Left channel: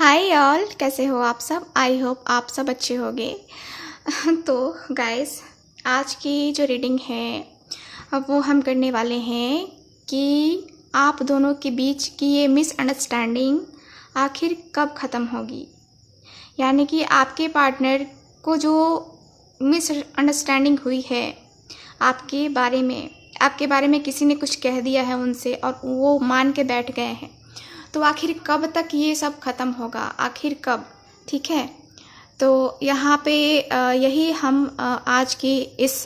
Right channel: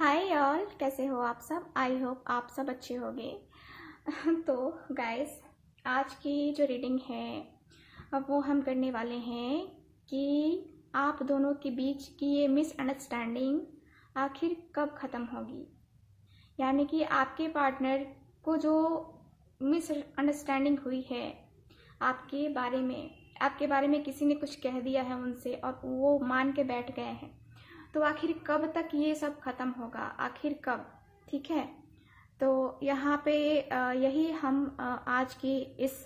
Hi all, कैसे हो आप सब। आई होप आप सब अच्छे होंगे। तो गाइस, आज की जो रीडिंग है अब वो हम करने वाले हैं कि आप दोनों के बीच की ये मिसअंडरस्टैंडिंग आखिर कब ख़त्म होगी। यानी कि आपके पार्टनर को जो मिसअंडरस्टैंडिंग हुई है आपके बारे में किसी ने कुछ कह दिया है उनसे और वो मान के बैठ गए हैं, तो आखिर कब तक ये सब ख़त्म होगा, आखिर कब। ठीक है, तो यहाँ पे यही हम आज की इस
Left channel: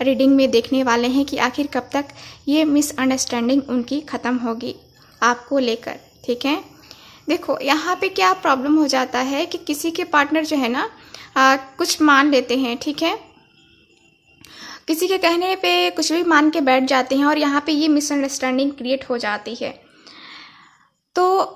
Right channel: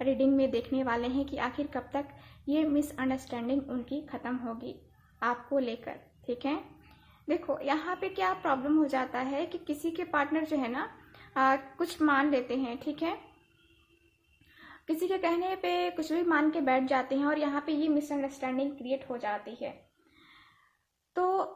रीडिंग में देखने वाले हैं कि आखिर कब तक ये मिसअंडरस्टैंडिंग उनकी ख़त्म होगी आपको लेकर। ठीक है, देखो यहाँ पे क्या प्रॉब्लम हो जाता है कि किसी के पार्टनर जो है ना कुछ मान लेते हैं। ठीक है, किसी के कहने पे कुछ भी मान के बैठ जाते हैं और यहाँ पे ये मिसअंडरस्टैंडिंग क्रिएट हो जाती है। तो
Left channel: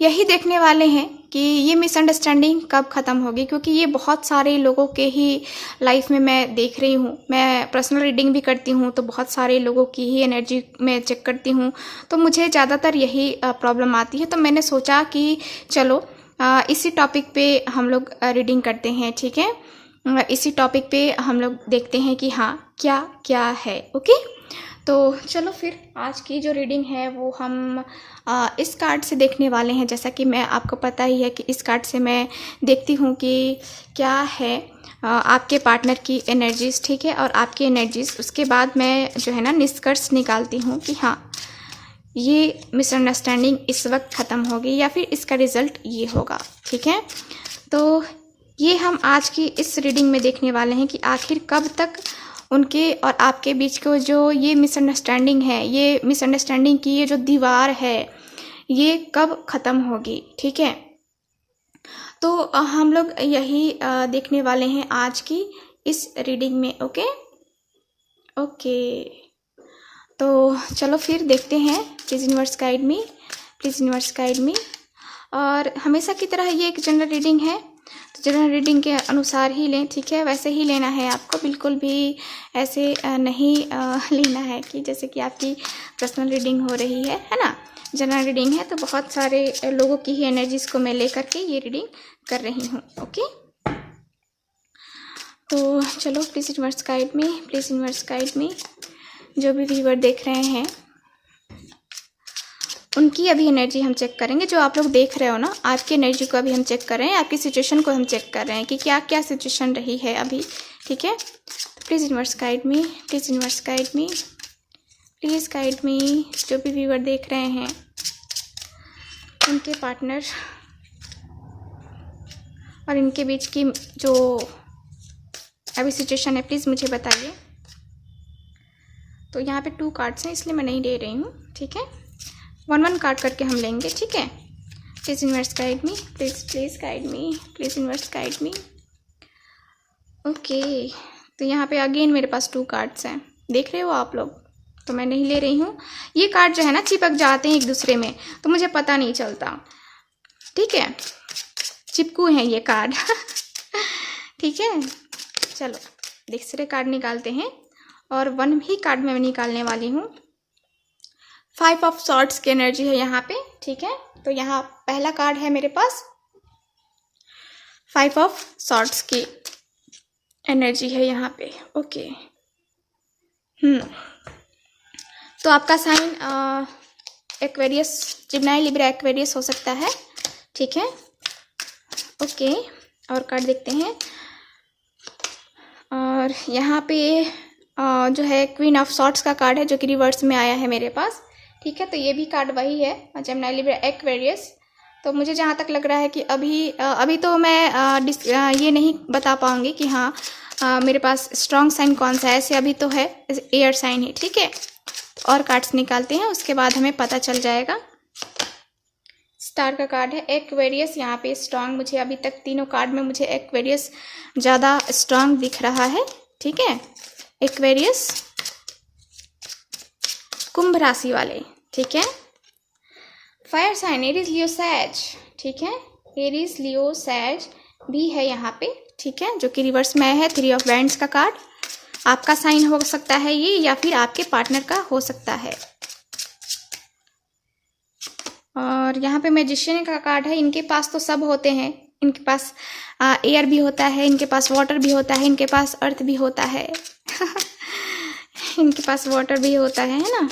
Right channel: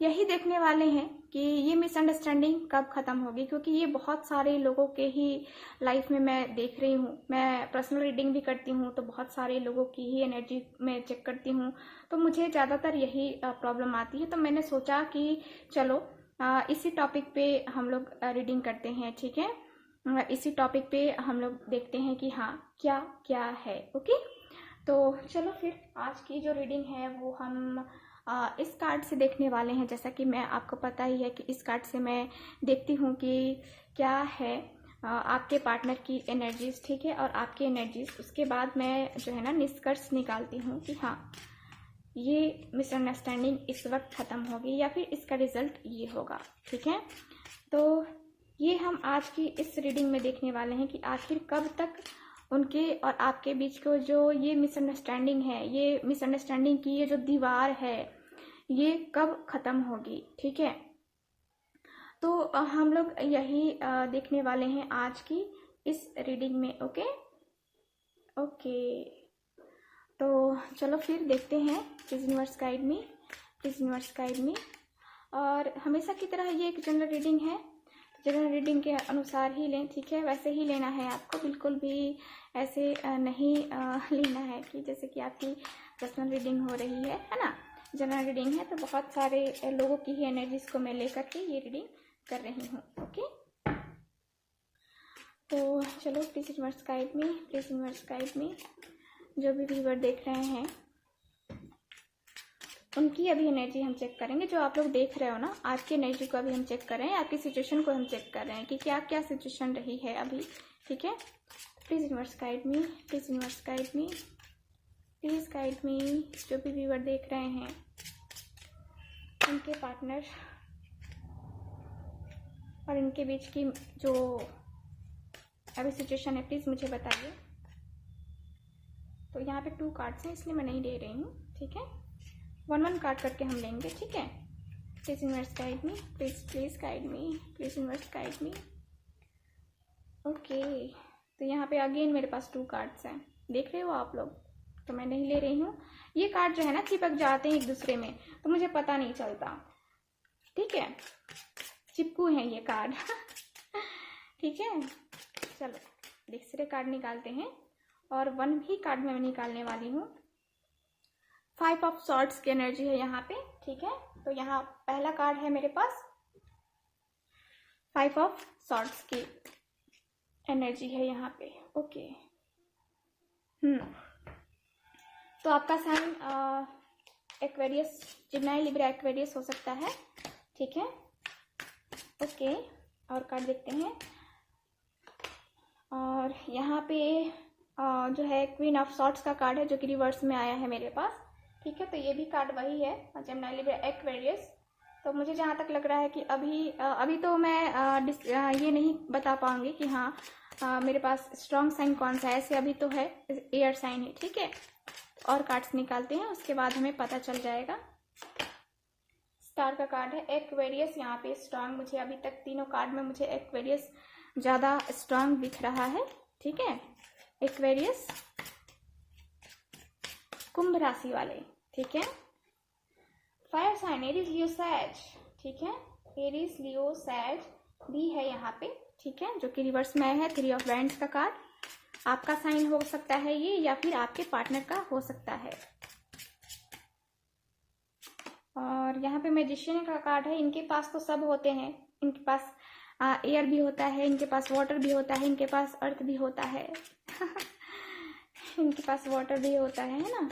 यही देखने वाले हैं कि ये मिसअंडरस्टैंडिंग कब ख़त्म होगी, क्योंकि ये बहुत सारे लोगों के ही लाइफ में मैं देख रही हूँ। मैं पर्सनल रीडिंग भी करती हूँ तो बहुत सारे लोगों की ही एनर्जी मैं चेक करती हूँ, तो मुझे ज़्यादातर यही प्रॉब्लम आती है। तो मैंने सोचा कि चलो इसी टॉपिक पे हम लोग रीडिंग करते हैं। ठीक है, इसी टॉपिक पे हम लोग देखते हैं कि हाँ क्या क्या है। ओके, तो चलो फिर आज की जो रीडिंग है वो हम इस कार्ड से देखने वाले हैं। जैसा कि मैं आपको पता ही है कि इस कार्ड से मैं देखती हूँ कि क्या है आपके पार्टनर की एनर्जीज। ठीक है, और आपकी एनर्जीज, उसके बाद मैं जो है ना निष्कर्ष निकालती हूँ कि हाँ ये मिसअंडरस्टैंडिंग इस वक्त ख़त्म होगी या फिर इसका रिज़ल्ट ये होगा। ठीक है, तो ये हम आज की इस रीडिंग में देखने वाले हैं कि आखिर कब तक उनके और आपके बीच को जो ये मिसअंडरस्टैंडिंग है, ये मिसअंडरस्टैंडिंग की ये जो दीवार है, ये कब ख़त्म होगी। ठीक है, तो हम लोग यही देखने वाले हैं आज की इस रीडिंग में। ओके ओके, तो चलो फिर देखते हैं। Please universe guide me, please universe guide मी। और हमेशा की तरह ये एक जनरल रीडिंग है, तो जनरल रीडिंग के अनुसार ही लें। ठीक है, वैसे ही लेना है आपको, बिल्कुल भी ऐसे नहीं लेना है कि जैसे कि आपकी पर्सनल रीडिंग हो रही है ना। जनरल रीडिंग है तो बहुत सारे लोगों की ही एनर्जीज़ को मैं ले करके ये रीडिंग कर रही हूँ। ओके, तो चलो please universe guide me, please universe guide मी। जो भी व्यूअर देख रहे हैं उनकी अभी एनर्जी हम चेक करेंगे। जो आप लोग देख रहे हो ना, आपकी एनर्जी को अभी हम चेक कर रहे हैं, आपकी सिचुएशन को हम चेक कर रहे हैं कि क्या क्या सिचुएशन रही है अभी। ठीक है, please universe guide me, please universe guide me, please guide मी। जो भी व्यूअर देख रहे हैं उनके पार्टनर और इनके बीच की जो अभी सिचुएशन है, प्लीज़ मुझे बताइए। तो यहाँ पे 2 कार्ड्स हैं इसलिए मैं नहीं ले रही हूँ। ठीक है, 1 कार्ड करके हम लेंगे। ठीक है, please universe guide me, please guide me, please universe guide me. Okay, तो यहाँ पे अगेन मेरे पास 2 कार्ड्स हैं, देख रहे हो आप लोग, तो मैं नहीं ले रही हूँ। ये कार्ड जो है ना चिपक जाते हैं एक दूसरे में, तो मुझे पता नहीं चलता। ठीक है, चिपकू हैं ये कार्ड। ठीक है, चलो दूसरे कार्ड निकालते हैं और 1 ही कार्ड मैं निकालने वाली हूँ। 5 ऑफ सॉर्ड्स की एनर्जी है यहाँ पे। ठीक है, तो यहाँ पहला कार्ड है मेरे पास, 5 ऑफ सॉर्ड्स की एनर्जी है यहाँ पे। ओके, तो आपका साइन एक्वेरियस, जिम्नाई, लिब्रा, एक्वेरियस हो सकता है। ठीक है, ओके, और कार्ड देखते हैं। और यहाँ पे जो है क्वीन ऑफ सॉर्ड्स का कार्ड है जो कि रिवर्स में आया है मेरे पास। ठीक है, तो ये भी कार्ड वही है, जेमिनी, लिब्रा, एक्वेरियस। तो मुझे जहाँ तक लग रहा है कि अभी तो मैं ये नहीं बता पाऊँगी कि हाँ मेरे पास स्ट्रॉन्ग साइन कौन सा है। ऐसे अभी तो है एयर साइन है। ठीक है, और कार्ड्स निकालते हैं, उसके बाद हमें पता चल जाएगा। स्टार का कार्ड है एक्वेरियस, यहाँ पे स्ट्रॉन्ग, मुझे अभी तक तीनों कार्ड में मुझे एक्वेरियस ज़्यादा स्ट्रॉन्ग दिख रहा है। ठीक है, एक्वेरियस, कुंभ राशि वाले। ठीक है, फायर साइन एरीज, लियो, सैज। ठीक है, एरीज, लियो, सैज भी है यहाँ पे। ठीक है, जो कि रिवर्स में है 3 ऑफ वैंड्स का कार्ड। आपका साइन हो सकता है ये, या फिर आपके पार्टनर का हो सकता है। और यहाँ पे मैजिशियन का कार्ड है। इनके पास तो सब होते हैं, इनके पास एयर भी होता है, इनके पास वाटर भी होता है, इनके पास अर्थ भी होता है इनके पास वाटर भी होता है ना,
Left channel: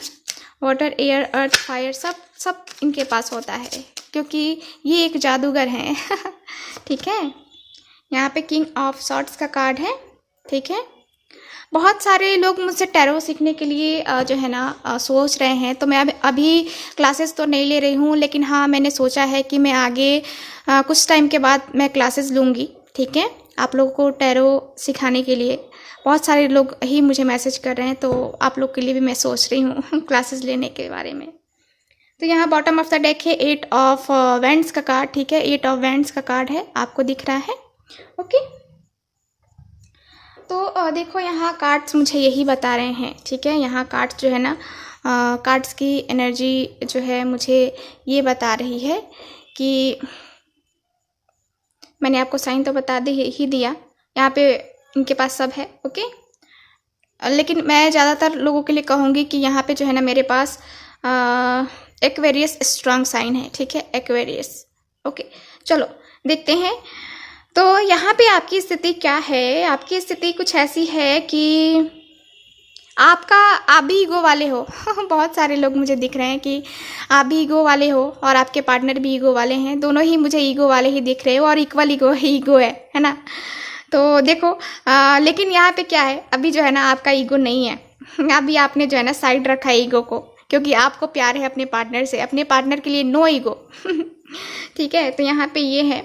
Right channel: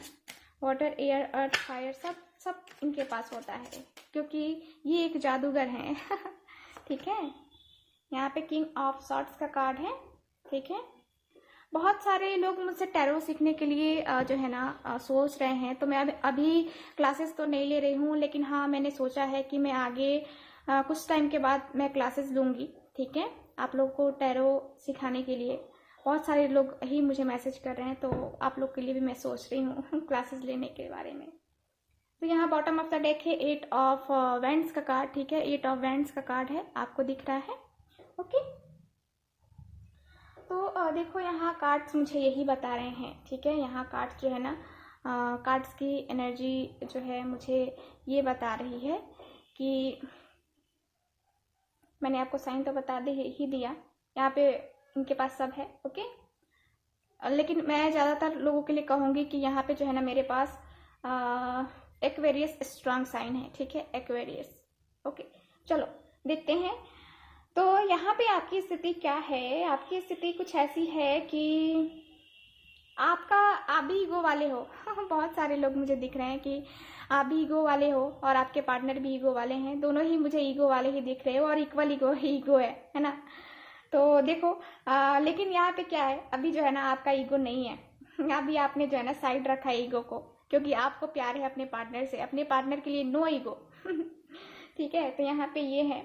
वाटर, एयर, अर्थ, फायर, सब सब इनके पास होता है, क्योंकि ये एक जादूगर हैं ठीक है। यहाँ पे किंग ऑफ सॉर्ड्स का कार्ड है, ठीक है। बहुत सारे लोग मुझसे टैरो सीखने के लिए जो है ना सोच रहे हैं, तो मैं अभी क्लासेस तो नहीं ले रही हूँ, लेकिन हाँ मैंने सोचा है कि मैं आगे कुछ टाइम के बाद मैं क्लासेस लूँगी, ठीक है, आप लोगों को टैरो सिखाने के लिए। बहुत सारे लोग ही मुझे मैसेज कर रहे हैं, तो आप लोग के लिए भी मैं सोच रही हूँ क्लासेस लेने के बारे में। तो यहाँ बॉटम ऑफ द डेक है 8 ऑफ वैंड्स का कार्ड, ठीक है, 8 ऑफ वैंड्स का कार्ड है, आपको दिख रहा है, ओके। तो देखो यहाँ कार्ड्स मुझे यही बता रहे हैं, ठीक है, यहाँ कार्ड्स जो है ना, कार्ड्स की एनर्जी जो है मुझे ये बता रही है कि मैंने आपको साइन तो बता ही दिया, यहाँ पे इनके पास सब है, ओके। लेकिन मैं ज़्यादातर लोगों के लिए कहूँगी कि यहाँ पे जो है ना मेरे पास एक्वेरियस स्ट्रांग साइन है, ठीक है, एक्वेरियस, ओके। चलो देखते हैं। तो यहाँ पे आपकी स्थिति क्या है, आपकी स्थिति कुछ ऐसी है कि आप भी ईगो वाले हो बहुत सारे लोग मुझे दिख रहे हैं कि आप भी ईगो वाले हो और आपके पार्टनर भी ईगो वाले हैं, दोनों ही मुझे ईगो वाले ही दिख रहे हो और इक्वल ईगो है ना। तो देखो लेकिन यहाँ पे क्या है, अभी जो है ना आपका ईगो नहीं है अभी आपने जो है ना साइड रखा है ईगो को, क्योंकि आपको प्यार है अपने पार्टनर से, अपने पार्टनर के लिए नो ईगो ठीक है। तो यहाँ पे ये है,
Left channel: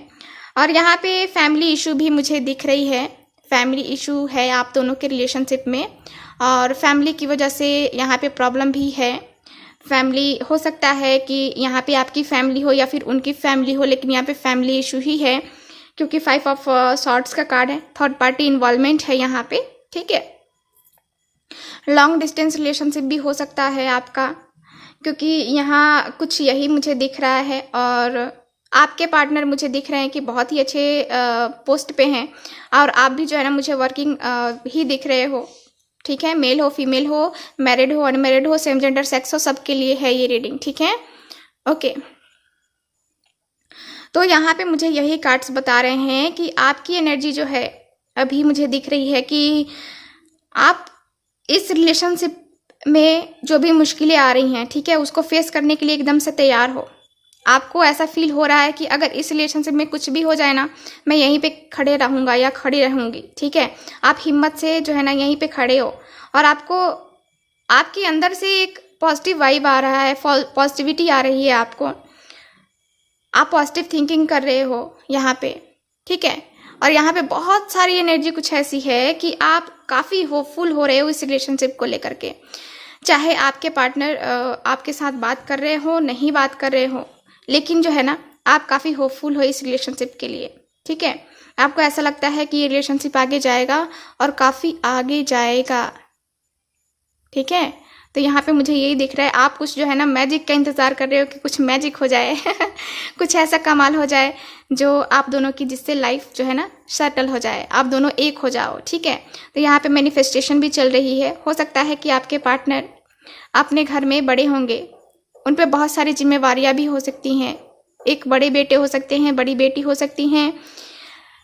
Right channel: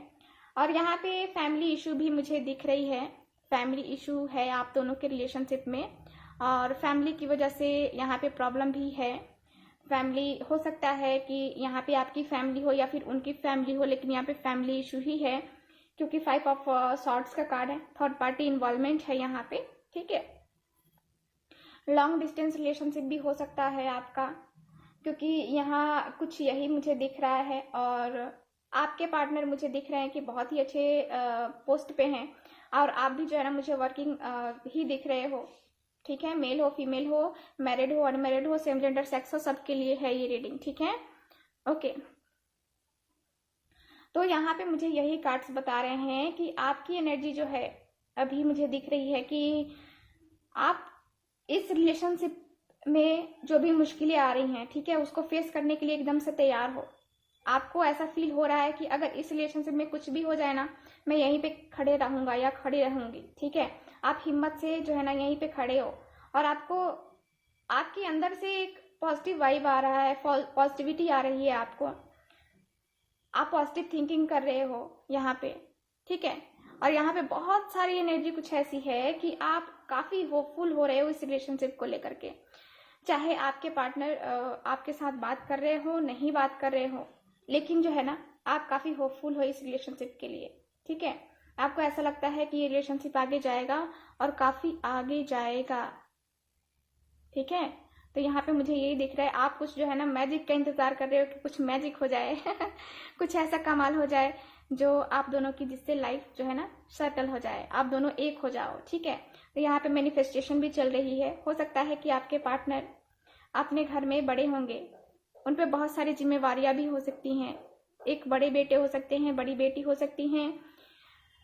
और यहाँ पे फैमिली इशू भी मुझे दिख रही है, फैमिली इशू है आप दोनों के रिलेशनशिप में, और फैमिली की वजह से यहाँ पे प्रॉब्लम भी है। फैमिली हो सकता है कि यहाँ पे आपकी फैमिली हो या फिर उनकी फैमिली हो, लेकिन यहाँ पे फैमिली इशू ही है, क्योंकि 5 ऑफ सॉर्ड्स का कार्ड है, थर्ड पार्टी इन्वॉल्वमेंट है यहाँ पे, ठीक है। लॉन्ग डिस्टेंस रिलेशनशिप भी हो सकता है आपका, क्योंकि यहाँ कुछ यही मुझे दिख रहा है, और आपके पार्टनर मुझे दिख रहे हैं कि बहुत ही अच्छे पोस्ट पे हैं, और आप भी जो है ना मुझे वर्किंग ही दिख रहे हो, ठीक है। मेल हो फीमेल हो, मैरिड हो अनमैरिड हो, सेम जेंडर सेक्स हो, सबके लिए है ये रीडिंग, ठीक है, ओके। तो यहाँ पे मुझे यही कार्ड्स बता रहे हैं कि आपकी एनर्जी जो है अभी मुझे दिख रही है कि आप इस रिलेशनशिप में जो भी मुश्किलें आ रही हैं, ठीक है, उसको फेस करने के लिए एकदम से तैयार हो। आपको ऐसा फील हो रहा है कि अगर इस रिलेशनशिप में कुछ भी हो जाए ना, मैं यहीं पे खड़े रहूँगा या खड़ी रहूँगी, ठीक है। आप हिम्मत से जो है ना यहीं पे खड़े हो, और आपको आपके अंदर से एक पॉजिटिव वाइब आ रहा है, पॉजिटिविटी आ रही है आपको, आप पॉजिटिव थिंकिंग कर रहे हो यहाँ पे, ठीक है। और यहाँ पे बहुत सारी एनर्जी कुछ ऐसी है कि आप काफ़ी होपफुल हो रहे हो इस रिलेशनशिप को लेकर के, चाहे आपके पार्टनर आपके साथ बात कर रहे हो, नहीं बात कर रहे हो, लेकिन जो है ना आप काफ़ी होपफुल हो इस रिलेशनशिप के लिए, ठीक है। आपको ऐसा लगता है कि ये रिलेशनशिप आगे जाएगा और काफ़ी आगे जाएगा, ठीक है। तो यहाँ पे मुझे यही दिख रहा है, आप कुछ जो है ना मैजिक का इंतज़ार कर रहे हो कि कुछ मैजिक हो जाए कुछ ऐसा कमाल हो जाए जो आप दोनों की, जिससे लाइफ जो है ना सेटल हो जाए, आप दोनों एक हो जाओ, ठीक है। तो यहाँ पे मैनिफेस्टेशन भी चल रही है। हो सकता है कि आपके पार्टनर अपने घर में बड़े होंगे, उन पर बहुत सारी जिम्मेवारियाँ भी हो सकती हैं, एक बड़े बेटे हो सकते हैं, बड़ी बेटी हो सकती हैं।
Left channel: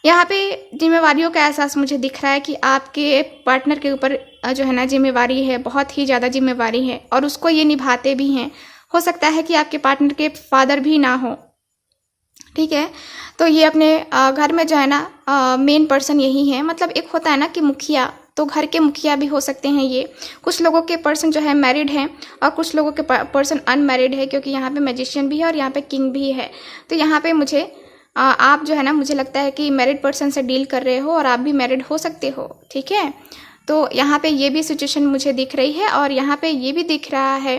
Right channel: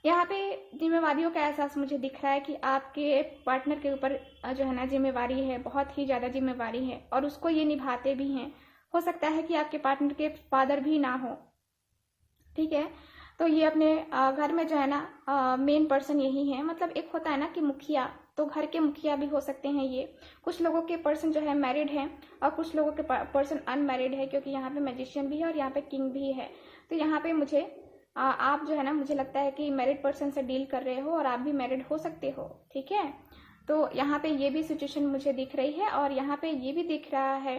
यहाँ पे जिम्मेवारियों का एहसास मुझे दिख रहा है कि आपके पार्टनर के ऊपर जो है ना जिम्मेवारी है, बहुत ही ज़्यादा जिम्मेवारी है, और उसको ये निभाते भी हैं। हो सकता है कि आपके पार्टनर के फादर भी ना हो, ठीक है। तो ये अपने घर में जो है ना मेन पर्सन यही है, मतलब एक होता है ना कि मुखिया, तो घर के मुखिया भी हो सकते हैं ये। कुछ लोगों के पर्सन जो है मैरिड हैं और कुछ लोगों के पर्सन अनमैरिड है, क्योंकि यहाँ पे मैजिशियन भी है और यहाँ पे किंग भी है। तो यहाँ पे मुझे आप जो है ना, मुझे लगता है कि मैरिड पर्सन से डील कर रहे हो, और आप भी मैरिड हो सकते हो, ठीक है। तो यहाँ पे ये भी सिचुएशन मुझे दिख रही है, और यहाँ पे ये भी दिख रहा है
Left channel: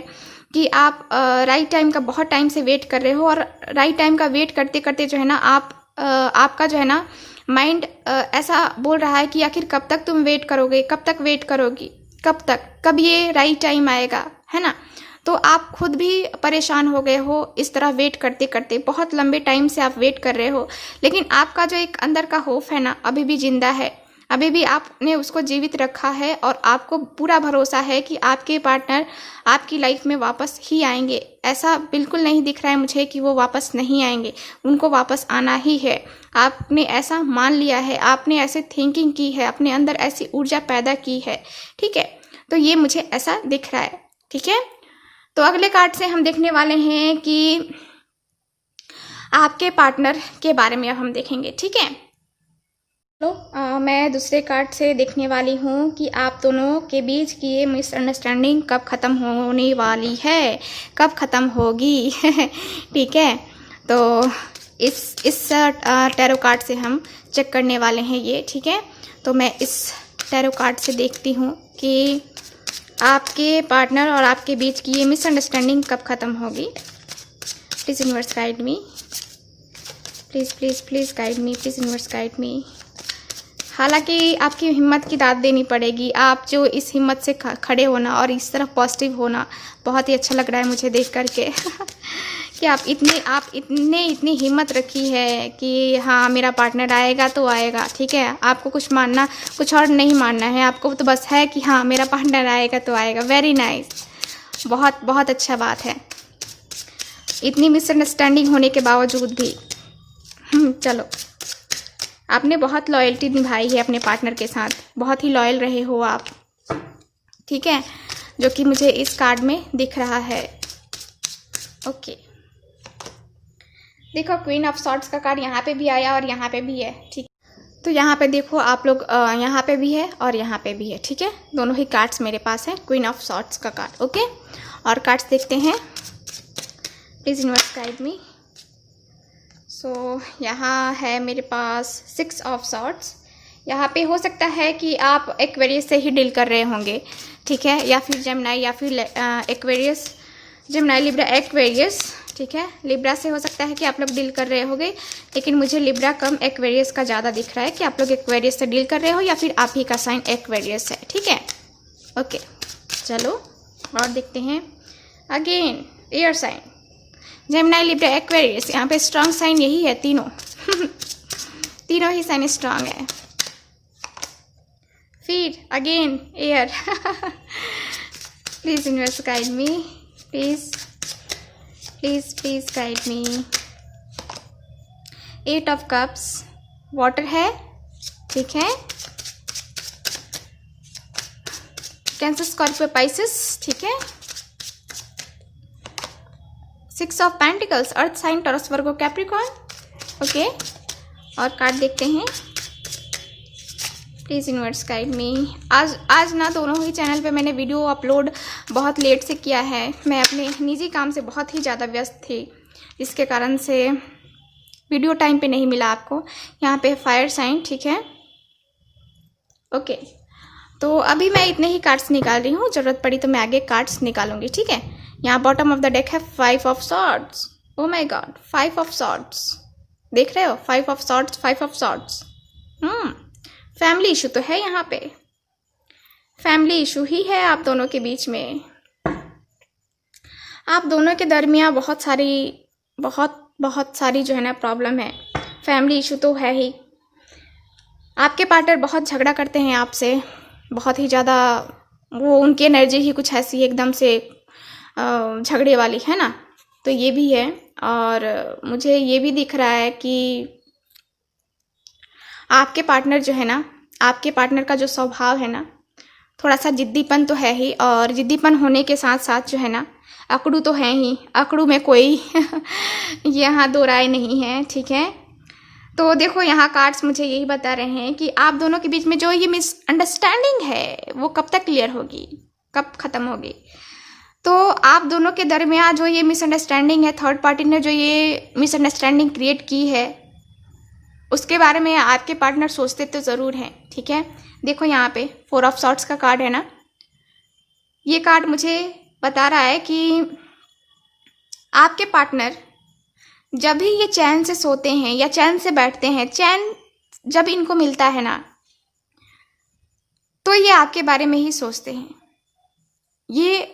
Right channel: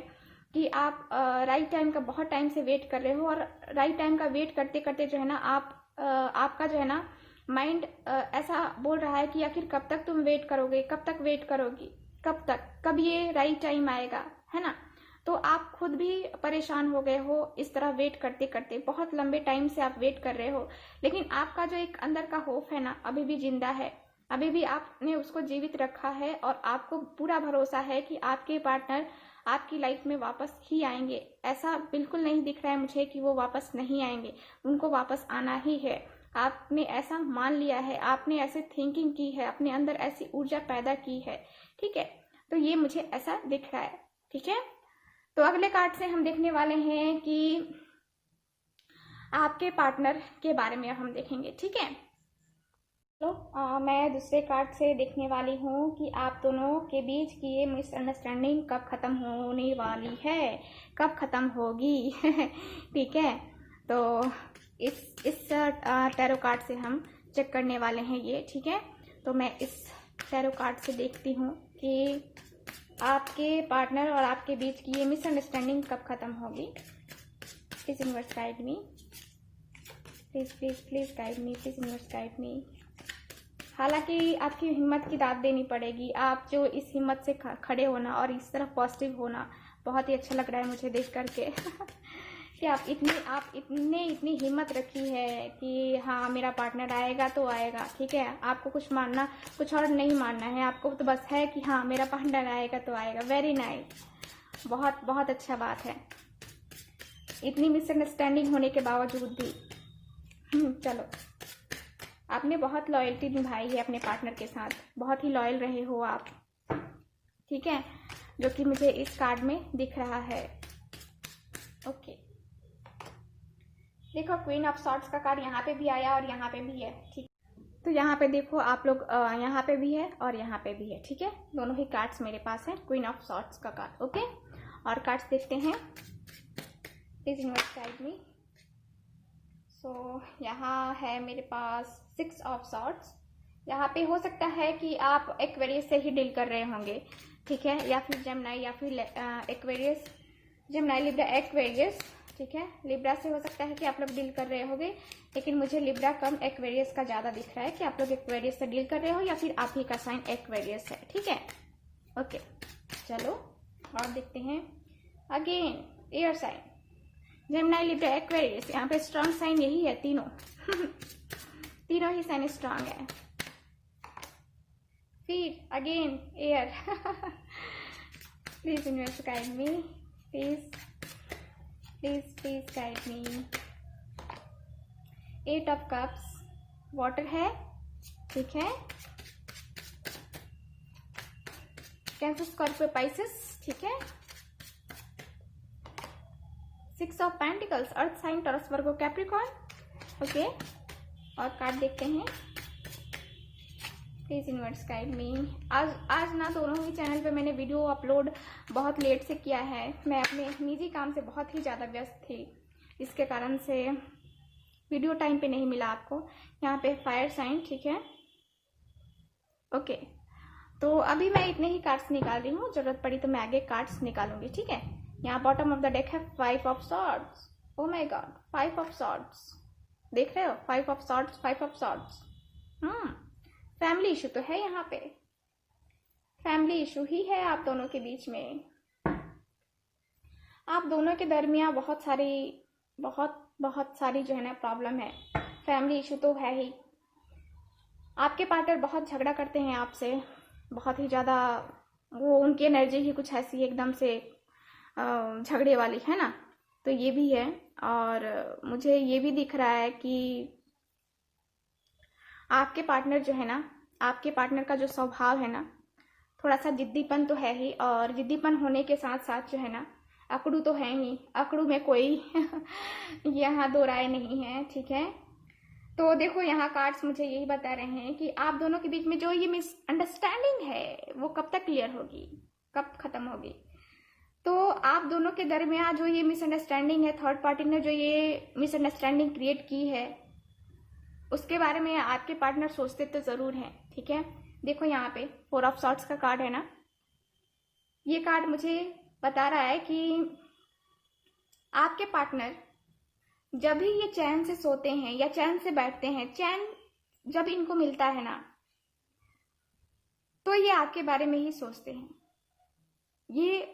कि आप राइट टाइम का बहुत टाइम से वेट कर रहे हो, और राइट टाइम का वेट करते करते जो है ना आपका जो है ना माइंड ऐसा बोल रहा है कि आखिर कब तक तुम वेट करोगे, कब तक वेट करोगी, कब तक, कब ये राइट टाइम आएगा, है ना। तो आप खुद भी परेशान हो गए हो इस तरह वेट करते करते, बहुत लंबे टाइम से आप वेट कर रहे हो, लेकिन आपका जो एक अंदर का होप है ना अभी भी जिंदा है। अभी भी आपने उसको जीवित रखा है और आपको पूरा भरोसा है कि आपके पार्टनर आपकी लाइफ में वापस ही आएंगे। ऐसा बिल्कुल नहीं दिख रहा है मुझे कि वो वापस नहीं आएंगे, उनको वापस आना ही है। आपने ऐसा मान लिया है, आपने ऐसे थिंकिंग की है, अपने अंदर ऐसी ऊर्जा पैदा की है, ठीक है। तो ये मुझे ऐसा दिख रहा है, ठीक है। तो अगले कार्ड से हम देखने वाले हैं कि आपके पार्टनर के बारे में अब हम देखेंगे, ठीक है। तो मैं दूसरे कार्ड से देखने वाली हूँ कि आप दोनों के बीच की ये मिसअंडरस्टैंडिंग कब ख़त्म होने वाली है, कब ख़त्म होगी ठीक है। तो इस टैरो कार्ड से हम चेक करने वाले हैं ये, ठीक है। तो मैं इस टैरो कार्ड से देखती हूँ कि आपके पार्टनर और आपके बीच की ये मिसअंडरस्टैंडिंग कब ख़त्म होगी। Please universe guide me, please please please guide me, please universe guide मी। हालांकि आपकी हिम्मत की दाद देनी पड़ेगी। आप जो इस हिम्मत से खड़े होना और इस तरफ पॉजिटिव होना बहुत ही अच्छा लग रहा है मुझे देख करके कि आप इतनी हिम्मत रखी है कि हाँ मेरा पार्टनर आएगा तो आएगा, ठीक है। आपको कुछ और नहीं मानना है, आपको तो बस है कि हाँ मेरा पार्टनर आएगा तो आएगा। वेरी नाइस, बहुत बहुत अच्छा बात है। इतनी मिसअंडरस्टैंडिंग होने के बावजूद भी चलो, आपने बहुत लॉयल्टी निभाई है अपने पार्टनर के साथ, बहुत ही लॉयल रहे हो आप, ठीक है, जो कि मुझे इस कार्ड में दिख रहा है। ओके, देखो क्वीन ऑफ सॉर्ड्स का कार्ड यहाँ पे भी आया और यहाँ पे भी है, ठीक। तो यहाँ पे देखो आप लोग, यहाँ पे भी है और यहाँ पे भी है, ठीक है। दोनों ही कार्ड्स मेरे पास है, क्वीन ऑफ सॉर्ड्स का कार्ड। ओके, और कार्ड्स देखते हैं। Please universe guide me. So यहाँ है मेरे पास 6 ऑफ सॉर्ड्स। यहाँ पे हो सकता है कि आप एक्वेरियस से ही डील कर रहे होंगे, ठीक है, या फिर जेमिनी, या फिर एक्वेरियस, जेमिनी, लिब्रा, एक्वेरियस, ठीक है। लिब्रा से हो सकता है कि आप लोग डील कर रहे होंगे, लेकिन मुझे लिब्रा कम एक्वेरियस का ज़्यादा दिख रहा है कि आप लोग एक्वेरियस से डील कर रहे हो या फिर आप ही का साइन एक्वेरियस है, ठीक है। ओके, चलो और देखते हैं। Again air sign, Gemini, Libra, Aquarius, यहाँ पे स्ट्रांग साइन यही है, तीनों तीनों ही साइन स्ट्रांग है। फिर again air please universe guide me, please please please guide me. 8 of cups, water है, ठीक है। कैंसर, स्कॉर्पियो, पाइसेस, ठीक है। 6 of pentacles, earth sign, Taurus, Virgo, Capricorn. Okay, और कार्ड देखते हैं। Please universe guide me. आज ना दोनों ही चैनल पे मैंने वीडियो अपलोड बहुत लेट से किया है। मैं अपने निजी काम से बहुत ही ज़्यादा व्यस्त थी, जिसके कारण से वीडियो टाइम पे नहीं मिला आपको। यहाँ पे फायर साइन, ठीक है। ओके, तो अभी मैं इतने ही कार्ड्स निकाल रही हूँ, ज़रूरत पड़ी तो मैं आगे कार्ड्स निकालूंगी, ठीक है। यहाँ बॉटम ऑफ द डेक है 5 of swords. Oh my God, 5 of swords, देख रहे हो, 5 of swords, 5 of swords. Family issue तो है यहाँ पे, फैमिली इशू ही है आप दोनों के बीच में। आप दोनों के दरमियाँ बहुत सारी जो है ना प्रॉब्लम है, फैमिली इशू तो है ही। आपके पार्टनर बहुत झगड़ा करते हैं आपसे, बहुत ही ज़्यादा, वो उनकी एनर्जी ही कुछ ऐसी एकदम से झगड़े वाली है ना, तो ये भी है। और मुझे ये भी दिख रहा है कि आपके पार्टनर जो है ना, आपके पार्टनर का जो स्वभाव है ना, थोड़ा सा जिद्दीपन तो है ही, और जिद्दीपन होने के साथ साथ जो है ना अकड़ू तो है ही, अकड़ू में कोई यहाँ दो राय नहीं है, ठीक है। तो देखो यहाँ कार्ड्स मुझे यही बता रहे हैं कि आप दोनों के बीच में जो ये मिसअंडरस्टैंडिंग है वो कब तक क्लियर होगी, कब ख़त्म होगी। तो आप दोनों के दरमियान जो ये मिसअंडरस्टैंडिंग है, थर्ड पार्टी ने जो ये मिसअंडरस्टैंडिंग क्रिएट की है, उसके बारे में आपके पार्टनर सोचते तो ज़रूर हैं, ठीक है। देखो यहाँ पे 4 ऑफ सॉर्ड्स का कार्ड है ना, ये कार्ड मुझे बता रहा है कि आपके पार्टनर जब भी ये चैन से सोते हैं या चैन से बैठते हैं, चैन जब इनको मिलता है ना, तो ये आपके बारे में ही सोचते हैं। ये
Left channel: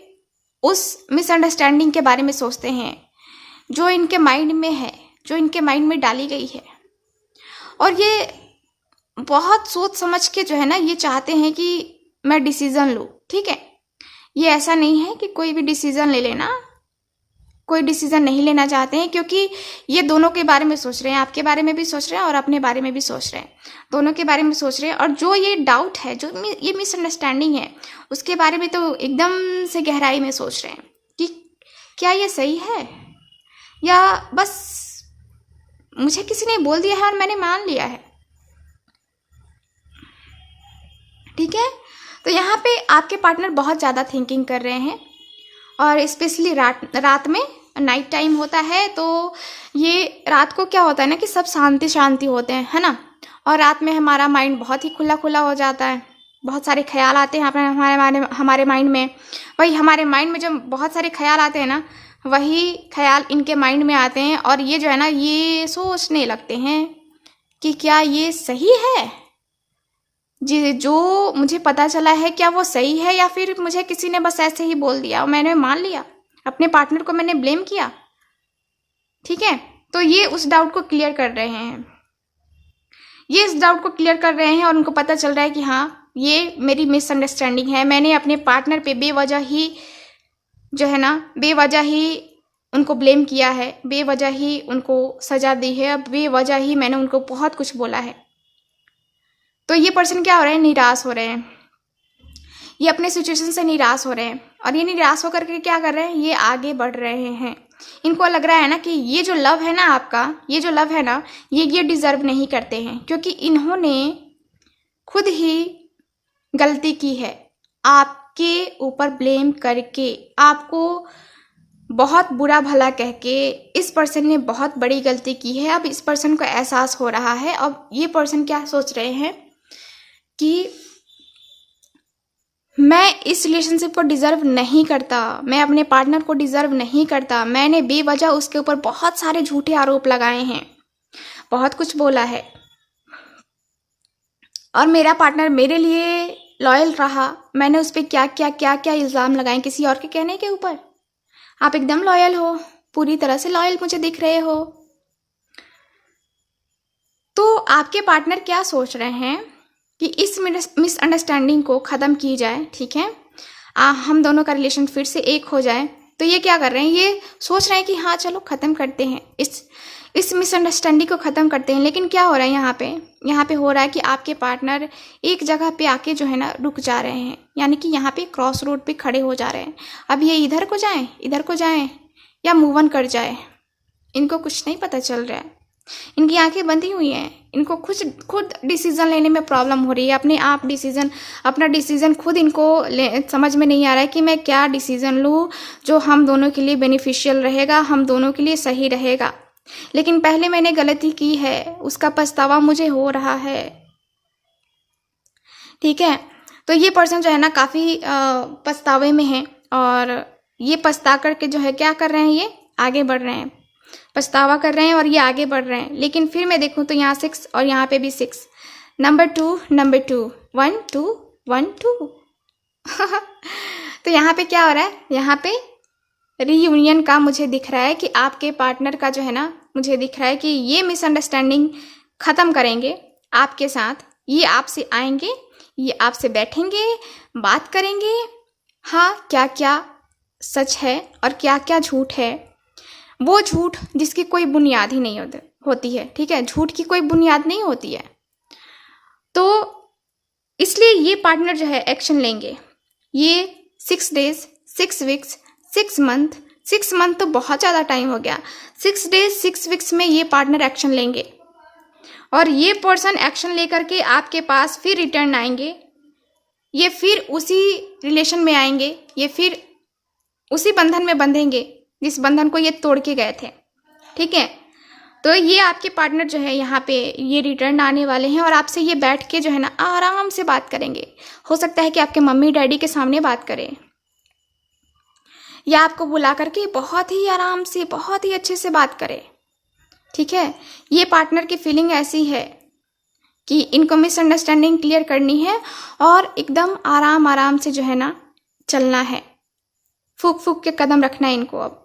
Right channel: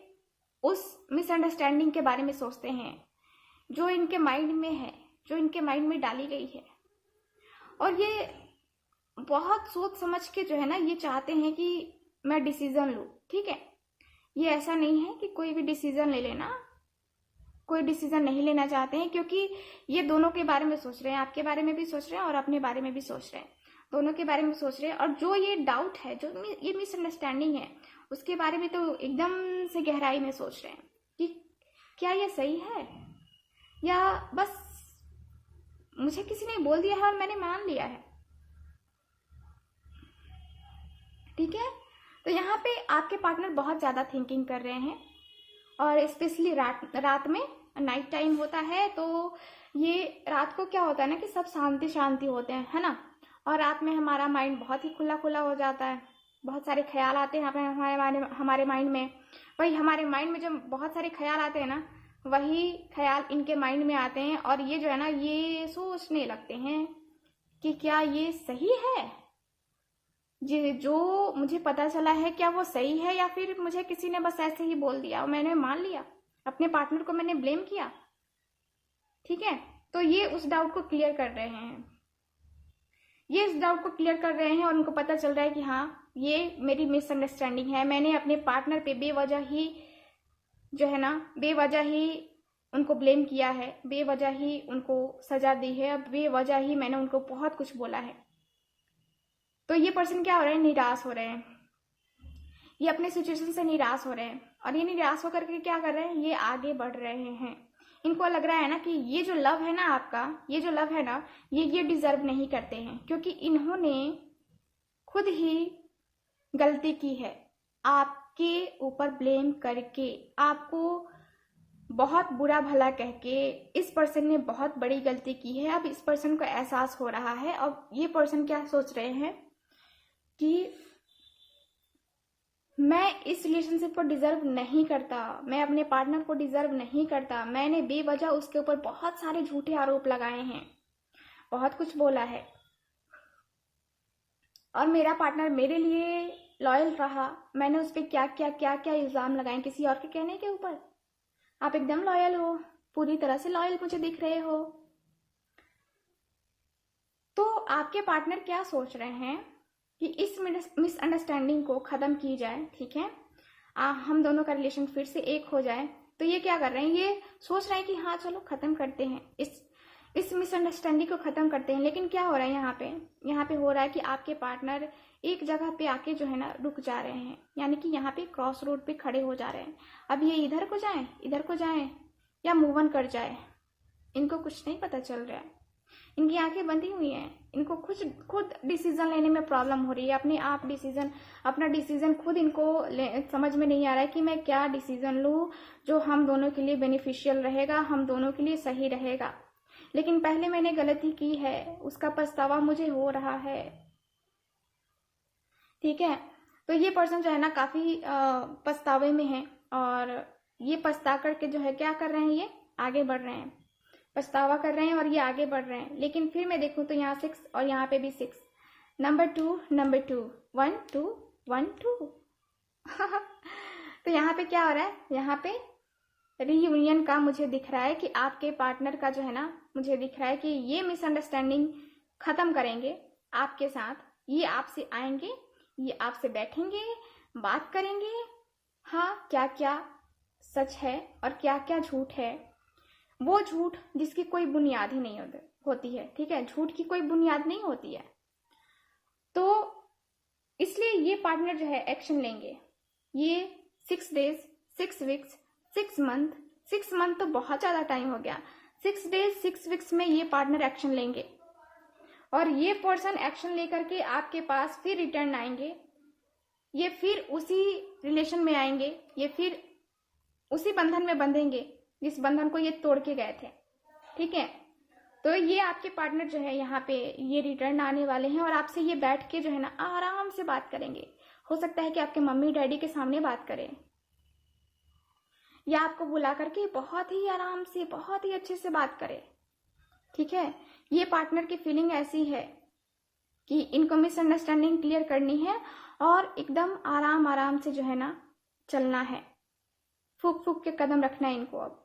उस मिसअंडरस्टैंडिंग के बारे में सोचते हैं जो इनके माइंड में है, जो इनके माइंड में डाली गई है। और ये बहुत सोच समझ के जो है ना ये चाहते हैं कि मैं डिसीज़न लूँ, ठीक है। ये ऐसा नहीं है कि कोई भी डिसीज़न ले लेना, कोई डिसीज़न नहीं लेना चाहते हैं, क्योंकि ये दोनों के बारे में सोच रहे हैं, आपके बारे में भी सोच रहे हैं और अपने बारे में भी सोच रहे हैं, दोनों के बारे में सोच रहे हैं। और जो ये डाउट है, जो ये मिसअंडरस्टैंडिंग है, उसके बारे में तो एकदम से गहराई में सोच रहे हैं कि क्या ये सही है, या बस मुझे किसी ने बोल दिया है और मैंने मान लिया है, ठीक है। तो यहाँ पे आपके पार्टनर बहुत ज़्यादा थिंकिंग कर रहे हैं, और स्पेशली रात में नाइट टाइम होता है, तो ये रात को क्या होता है ना कि सब शांति शांति होते हैं, है ना। और रात में हमारा माइंड बहुत ही खुला खुला हो जाता है, बहुत सारे ख्याल आते हैं हमारे माइंड में। वही हमारे माइंड में जब बहुत सारे ख्याल आते हैं ना, वही ख्याल इनके माइंड में आते हैं, और ये जो है ना ये सोचने लगते हैं कि क्या ये सही है, जी जो मुझे पता चला है क्या वो सही है, या फिर मुझे किसी ने बस ऐसे ही बोल दिया और मैंने मान लिया, अपने पार्टनर को मैंने ब्लेम किया, ठीक है। तो ये उस डाउट को क्लियर कर रहे हैं, ये इस डाउट को क्लियर कर रहे हैं, और उनको पता चल रहा है कि हाँ ये मेरी मिसअंडरस्टैंडिंग है, मैंने अपने पार्टनर पे बेवजह ही जो है ना, बेवजह ही उनको ब्लेम किया है, बेवजह ही उनको सजा दी है, बेवजह ही मैंने उनको बहुत कुछ बोला है। तो ये पर्सन क्या हो रहे हैं, निराश हो रहे हैं, ये अपने सिचुएशन से निराश हो रहे हैं, और ये निराश होकर के क्या कर रहे हैं, ये आगे बढ़ रहे हैं। इनको लग रहा है ना कि ये जो लव है ना आपका, ये जो लव है ना, ये डिज़र्व नहीं करते हैं, क्योंकि इन्होंने खुद ही गलती की है, आपके ऊपर ब्लेम करके, आपको बहुत बुरा भला कह के इस पर्सन ने बहुत बड़ी गलती की है। अब इस पर्सन को एहसास हो रहा है। अब ये पर्सन क्या सोच रहे हैं कि मैं इस रिलेशनशिप को डिज़र्व नहीं करता, मैं अपने पार्टनर को डिज़र्व नहीं करता, मैंने बेवजह उसके ऊपर बहुत सारे झूठे आरोप लगाए हैं, बहुत कुछ बोला है, और मेरा पार्टनर मेरे लिए लॉयल रहा, मैंने उस पर क्या क्या क्या क्या इल्ज़ाम लगाए किसी और के कहने के ऊपर। आप एकदम लॉयल हो, पूरी तरह से लॉयल मुझे दिख रहे हो। तो आपके पार्टनर क्या सोच रहे हैं कि इस मिसअंडरस्टैंडिंग को ख़त्म की जाए, ठीक है, हम दोनों का रिलेशन फिर से एक हो जाए। तो ये क्या कर रहे हैं, ये सोच रहे हैं कि हाँ चलो ख़त्म करते हैं, इस मिसअंडरस्टैंडिंग को ख़त्म करते हैं। लेकिन क्या हो रहा है यहाँ पे हो रहा है कि आपके पार्टनर एक जगह पे आके जो है ना रुक जा रहे हैं, यानी कि यहाँ पे क्रॉस रोड पे खड़े हो जा रहे हैं। अब ये इधर को जाएं या मूव ऑन कर जाए, इनको कुछ नहीं पता चल रहा है, इनकी आंखें बंधी हुई हैं, इनको खुद डिसीज़न लेने में प्रॉब्लम हो रही है, अपना डिसीज़न खुद इनको समझ में नहीं आ रहा है कि मैं क्या डिसीज़न लूँ जो हम दोनों के लिए बेनिफिशियल रहेगा, हम दोनों के लिए सही रहेगा। लेकिन पहले मैंने गलती की है, उसका पछतावा मुझे हो रहा है, ठीक है। तो ये पर्सन जो है ना काफ़ी पछतावे में है, और ये पछता करके जो है क्या कर रहे हैं, ये आगे बढ़ रहे हैं, पछतावा कर रहे हैं और ये आगे बढ़ रहे हैं। लेकिन फिर मैं देखूँ तो यहाँ 6 और यहाँ पे भी 6, नंबर 2 1 2 1 2 तो यहाँ पे क्या हो रहा है, यहाँ पे रीयूनियन का मुझे दिख रहा है कि आपके पार्टनर का जो है ना, मुझे दिख रहा है कि ये मिसअंडरस्टैंडिंग ख़त्म करेंगे आपके साथ, ये आपसे आएंगे, ये आपसे बैठेंगे, बात करेंगे, हाँ क्या क्या सच है और क्या क्या झूठ है, वो झूठ जिसकी कोई बुनियाद ही नहीं होती है, ठीक है, झूठ की कोई बुनियाद नहीं होती है। तो इसलिए ये पार्टनर जो है एक्शन लेंगे। ये 6 डेज 6 वीक्स 6 मंथ 6 मंथ तो बहुत ज़्यादा टाइम हो गया, 6 डेज 6 वीक्स में ये पार्टनर एक्शन लेंगे, और ये पर्सन एक्शन लेकर के आपके पास फिर रिटर्न आएंगे, ये फिर उसी रिलेशन में आएंगे, ये फिर उसी बंधन में बंधेंगे जिस बंधन को ये तोड़ के गए थे, ठीक है। तो ये आपके पार्टनर जो है यहाँ पे ये रिटर्न आने वाले हैं, और आपसे ये बैठ के जो है ना आराम से बात करेंगे। हो सकता है कि आपके मम्मी डैडी के सामने बात करें, या आपको बुला करके बहुत ही आराम से बहुत ही अच्छे से बात करें, ठीक है। ये पार्टनर की फीलिंग ऐसी है कि इनको मिसअंडरस्टैंडिंग क्लियर करनी है, और एकदम आराम से जो है ना चलना है, फूक फूक के कदम रखना है इनको अब,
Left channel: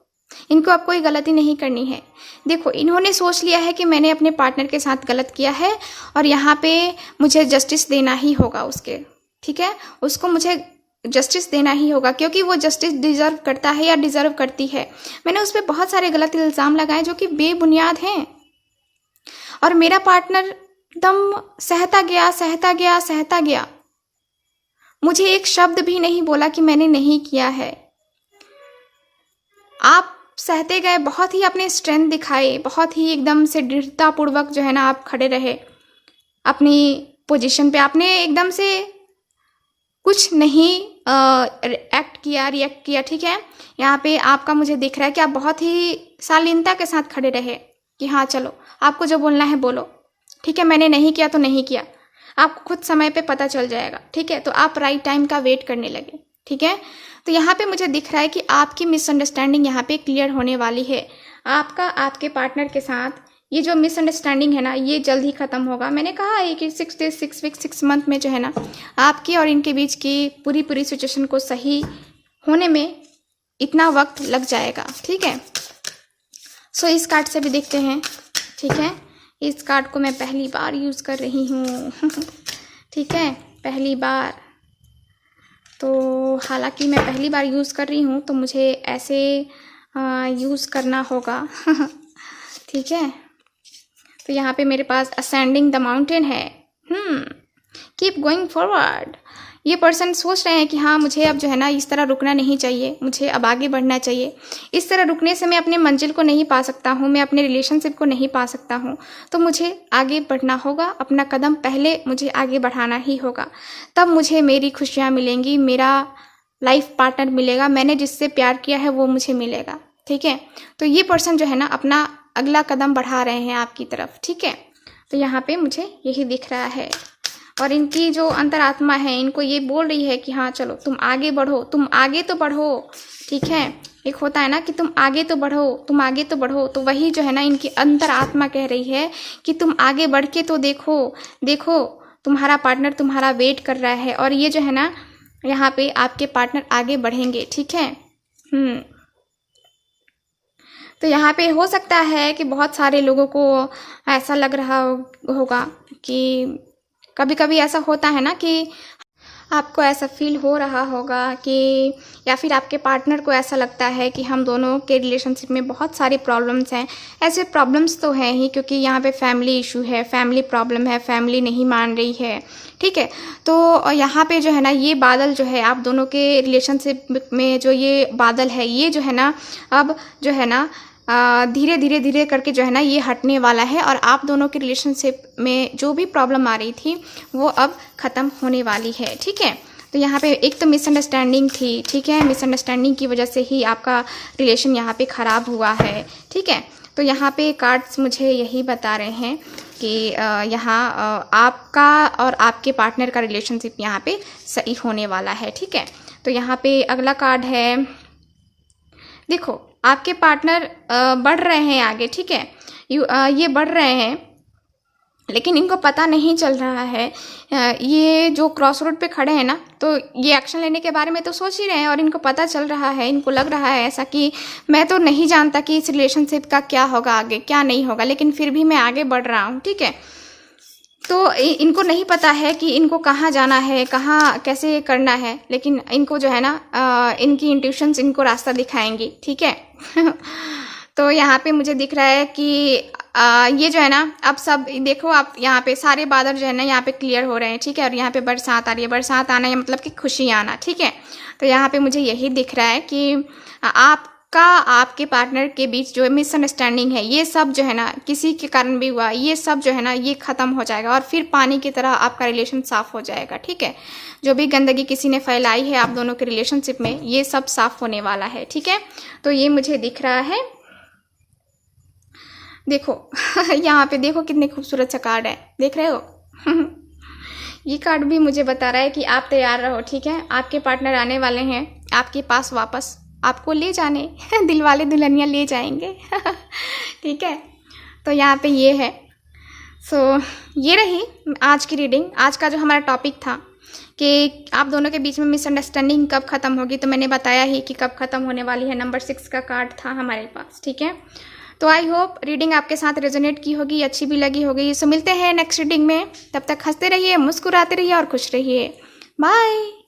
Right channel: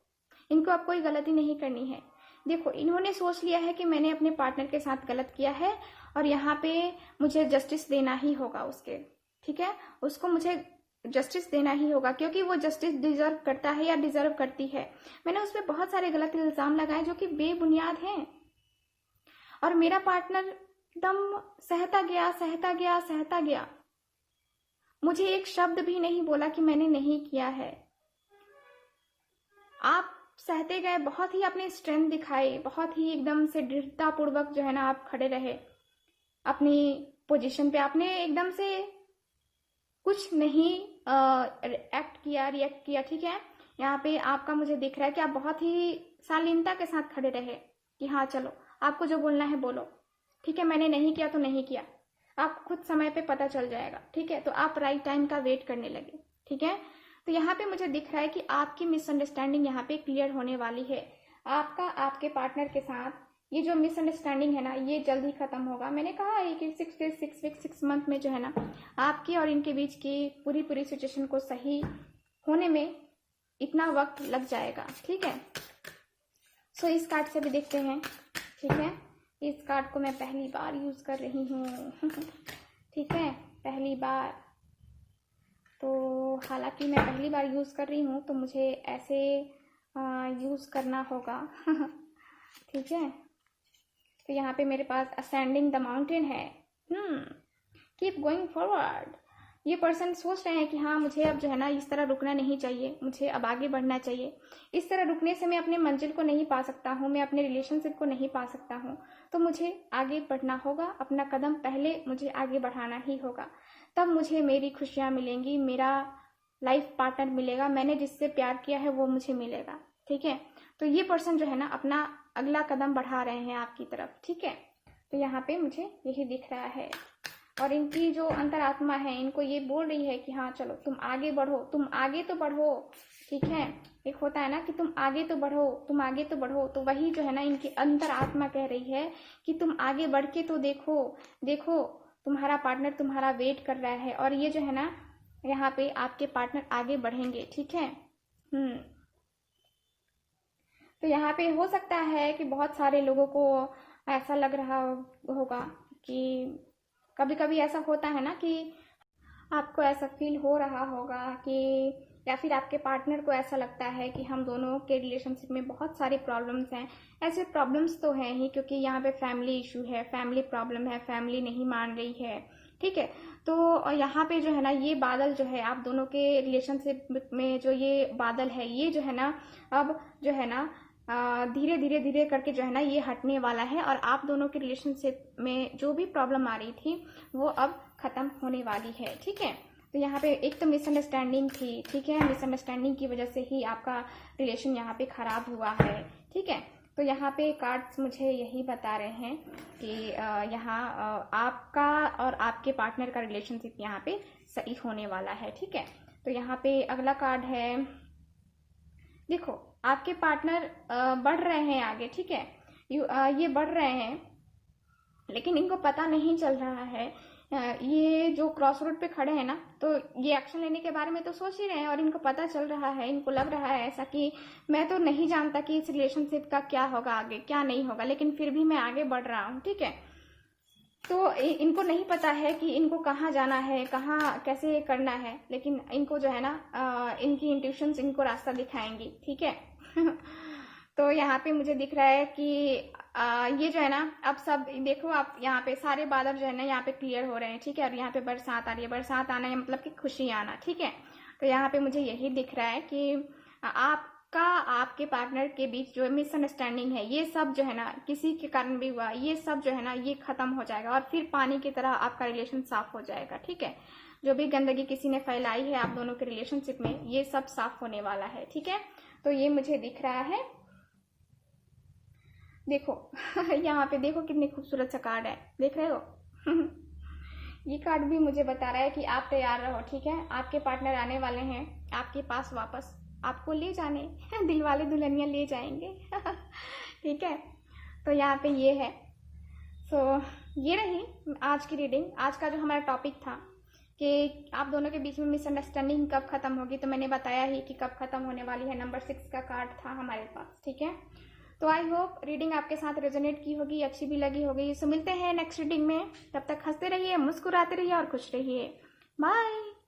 इनको अब कोई गलती नहीं करनी है। देखो, इन्होंने सोच लिया है कि मैंने अपने पार्टनर के साथ गलत किया है और यहाँ पे मुझे जस्टिस देना ही होगा उसके, ठीक है, उसको मुझे जस्टिस देना ही होगा क्योंकि वो जस्टिस डिज़र्व करता है या डिज़र्व करती है। मैंने उस पर बहुत सारे गलत इल्ज़ाम लगाए जो कि बेबुनियाद हैं और मेरा पार्टनर एकदम सहता गया, सहता गया, सहता गया। मुझे एक शब्द भी नहीं बोला कि मैंने नहीं किया है। आप सहते गए, बहुत ही अपने स्ट्रेंथ दिखाए, बहुत ही एकदम से दृढ़तापूर्वक जो है ना आप खड़े रहे अपनी पोजीशन पे। आपने एकदम से कुछ नहीं एक्ट किया, रिएक्ट किया, ठीक है। यहाँ पे आपका मुझे दिख रहा है कि आप बहुत ही शालीनता के साथ खड़े रहे कि हाँ चलो, आपको जो बोलना है बोलो, ठीक है, मैंने नहीं किया तो नहीं किया, आपको खुद समय पे पता चल जाएगा, ठीक है। तो आप राइट टाइम का वेट करने लगे, ठीक है। तो यहाँ पे मुझे दिख रहा है कि आपकी मिसअंडरस्टैंडिंग यहाँ पे क्लियर होने वाली है। आपका आपके पार्टनर के साथ ये जो मिसअंडरस्टैंडिंग है ना, ये जल्द ही ख़त्म होगा। मैंने कहा है कि 6 डेज, 6 वीक, 6 मंथ में जो है ना आपकी और इनके बीच की पूरी सिचुएशन को सही होने में इतना वक्त लग जाएगा, ठीक है। सो इस कार्ड से भी देखते हैं, ठीक है। इस कार्ड को मैं पहली बार यूज़ कर रही हूँ ठीक है, पहली बार। तो हालांकि मैं पहली बार यूज़ कर रही हूँ तो मुझे ऐसे यूज़ करना होगा ठीक है। तो यहाँ पे मेरे पास असेंडिंग द माउंटेन है। Keep going forward. ये पर्सन सोच रहे हैं कि हाँ, मुझे अब जो है ना इस तरह रुकना नहीं चाहिए, मुझे अब आगे बढ़ना चाहिए। इस तरह रुकने से मैं अपने मंजिल को नहीं पा सकता हूँ, मैं अपने रिलेशनशिप को नहीं पा सकता हूँ। तो मुझे आगे बढ़ना होगा, अपना कदम पहले मुझे आगे बढ़ाना ही होगा, तब मुझे मेरी खुशियाँ मिलेंगी, मेरा लाइफ पार्टनर मिलेगा, मैंने जिससे प्यार किया है वो मुझे मिलेगा, ठीक है। तो ये पर्सन जो है ना अपना अगला कदम बढ़ा रहे हैं आपकी तरफ, ठीक है। तो यहाँ पे मुझे यही दिख रहा है और इनकी जो अंतरात्मा है इनको ये बोल रही है कि हाँ चलो, तुम आगे बढ़ो, तुम आगे तो बढ़ो, ठीक है। एक होता है ना कि तुम आगे तो बढ़ो, तुम आगे तो बढ़ो। तो वही जो है ना इनकी अंतरात्मा कह रही है कि तुम आगे बढ़ के तो देखो, देखो तुम्हारा पार्टनर तुम्हारा वेट कर रहा है। और ये जो है ना यहाँ पे आपके पार्टनर आगे बढ़ेंगे, ठीक है। तो यहाँ पे हो सकता है कि बहुत सारे लोगों को ऐसा लग रहा होगा कि कभी कभी ऐसा होता है ना कि आपको ऐसा फील हो रहा होगा कि, या फिर आपके पार्टनर को ऐसा लगता है कि हम दोनों के रिलेशनशिप में बहुत सारी प्रॉब्लम्स हैं। ऐसे प्रॉब्लम्स तो हैं ही, क्योंकि यहाँ पे फैमिली इशू है, फैमिली प्रॉब्लम है, फैमिली नहीं मान रही है, ठीक है। तो यहाँ पे जो है ना ये बादल जो है आप दोनों के रिलेशनशिप में जो ये बादल है, ये जो है ना अब जो है ना धीरे धीरे करके जो है ना ये हटने वाला है और आप दोनों के रिलेशनशिप में जो भी प्रॉब्लम आ रही थी वो अब ख़त्म होने वाली है, ठीक है। तो यहाँ पे एक तो मिसअंडरस्टैंडिंग थी, ठीक है, मिसअंडरस्टैंडिंग की वजह से ही आपका रिलेशन यहाँ पे ख़राब हुआ है, ठीक है। तो यहाँ पे कार्ड्स मुझे यही बता रहे हैं कि यहाँ आपका और आपके पार्टनर का रिलेशनशिप यहाँ पे सही होने वाला है, ठीक है। तो यहाँ पे अगला कार्ड है, देखो आपके पार्टनर बढ़ रहे हैं आगे, ठीक है। ये बढ़ रहे हैं लेकिन इनको पता नहीं चल रहा है। ये जो क्रॉस रोड पे खड़े हैं ना, तो ये एक्शन लेने के बारे में तो सोच ही रहे हैं और इनको पता चल रहा है, इनको लग रहा है ऐसा कि मैं तो नहीं जानता कि इस रिलेशनशिप का क्या होगा आगे, क्या नहीं होगा, लेकिन फिर भी मैं आगे बढ़ रहा हूँ, ठीक है। तो इनको नहीं पता है कि इनको कहाँ जाना है, कहाँ कैसे करना है, लेकिन इनको जो है ना इनकी इंट्यूशंस इनको रास्ता दिखाएंगी, ठीक है तो यहाँ पे मुझे दिख रहा है कि ये जो है ना अब सब देखो, आप यहाँ पे सारे बादल जो है ना यहाँ पे क्लियर हो रहे हैं, ठीक है। और यहाँ पे बरसात आ रही है, बरसात आना है मतलब कि खुशी आना, ठीक है। तो यहाँ पे मुझे यही दिख रहा है कि आपका आपके पार्टनर के बीच जो मिसअंडरस्टैंडिंग है ये सब जो है ना किसी के कारण भी हुआ, ये सब जो है ना ये ख़त्म हो जाएगा और फिर पानी की तरह आपका रिलेशन साफ़ हो जाएगा, ठीक है। जो भी गंदगी किसी ने फैलाई है आप दोनों के रिलेशनशिप में, ये सब साफ़ होने वाला है, ठीक है। तो ये मुझे दिख रहा है, देखो यहाँ पे देखो कितने खूबसूरत सा कार्ड है, देख रहे हो ये कार्ड भी मुझे बता रहा है कि आप तैयार रहो, ठीक है। आपके पार्टनर आने वाले हैं आपके पास वापस, आपको ले जाने दिल वाले दुल्हनिया ले जाएंगे ठीक है। तो यहाँ पे ये है। सो ये रही आज की रीडिंग। आज का जो हमारा टॉपिक था कि आप दोनों के बीच में मिसअंडरस्टैंडिंग कब ख़त्म होगी, तो मैंने बताया ही कि कब ख़त्म होने वाली है। नंबर 6 का कार्ड था हमारे पास, ठीक है। तो आई होप रीडिंग आपके साथ रेजोनेट की होगी, अच्छी भी लगी होगी। सो मिलते हैं नेक्स्ट रीडिंग में, तब तक हंसते रहिए, मुस्कुराते रहिए और खुश रहिए। बाय।